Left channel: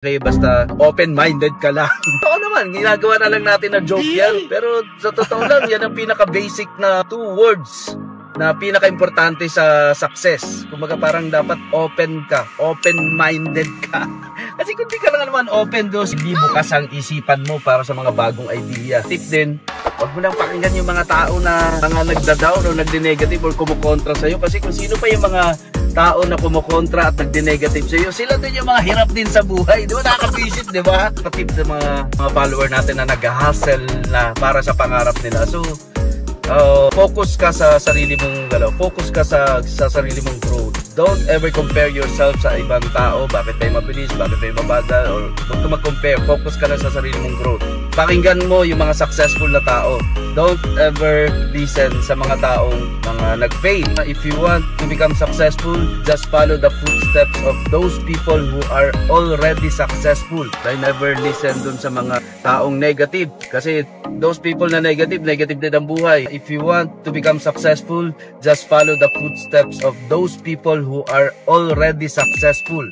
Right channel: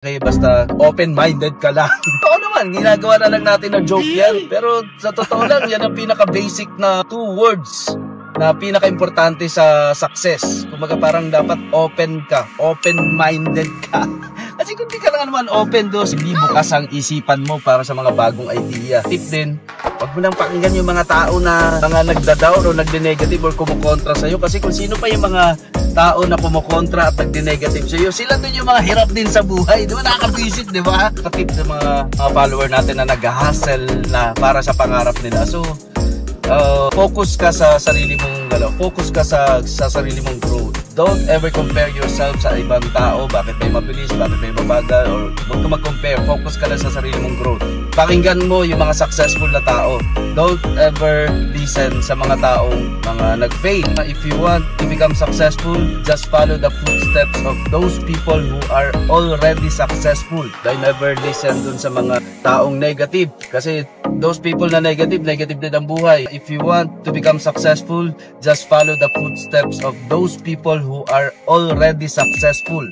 Okay, basta open-minded ka lang. Oo naman, ginagawa na lang natin na joke yan. Pero sa totoo lang, yan ang pinaka-basic na 2 words na pinaka-importante sa success. Kumaga parang dapat open ka, open-minded ka. Kasi kung di ka lang naman open dos, hindi bukas ang isipan mo para sa mga bagong idea. Tip din, huwag mo lang pakinggan yung mga tao na mga nagda-down o nagde-negative or kumukontra sa'yo. Kasi kung sino pa yung mga tao na kumukontra at nagde-negative sa'yo, sila din yung mga hirap din sa buhay. Di ba? Nakaka-visit, di ba? Katip ng mga follower natin na nag-hustle na para sa pangarap nila. So, focus ka sa sarili mong focus ka sa sarili mong growth. Don't ever compare yourself sa ibang tao. Bakit may mabilis, bakit may mabagal, or huwag ka mag-compare. Focus ka lang sa sarili mong growth. Pakinggan mo yung mga successful na tao. Don't ever listen sa mga taong mga nag-fail. If you want to become successful, just follow the footsteps of those people who are already successful. Don't never listen dun sa mga taong negative. Kasi those people na negative din ang buhay. If you want to become successful, just follow the footsteps of those people who are already successful.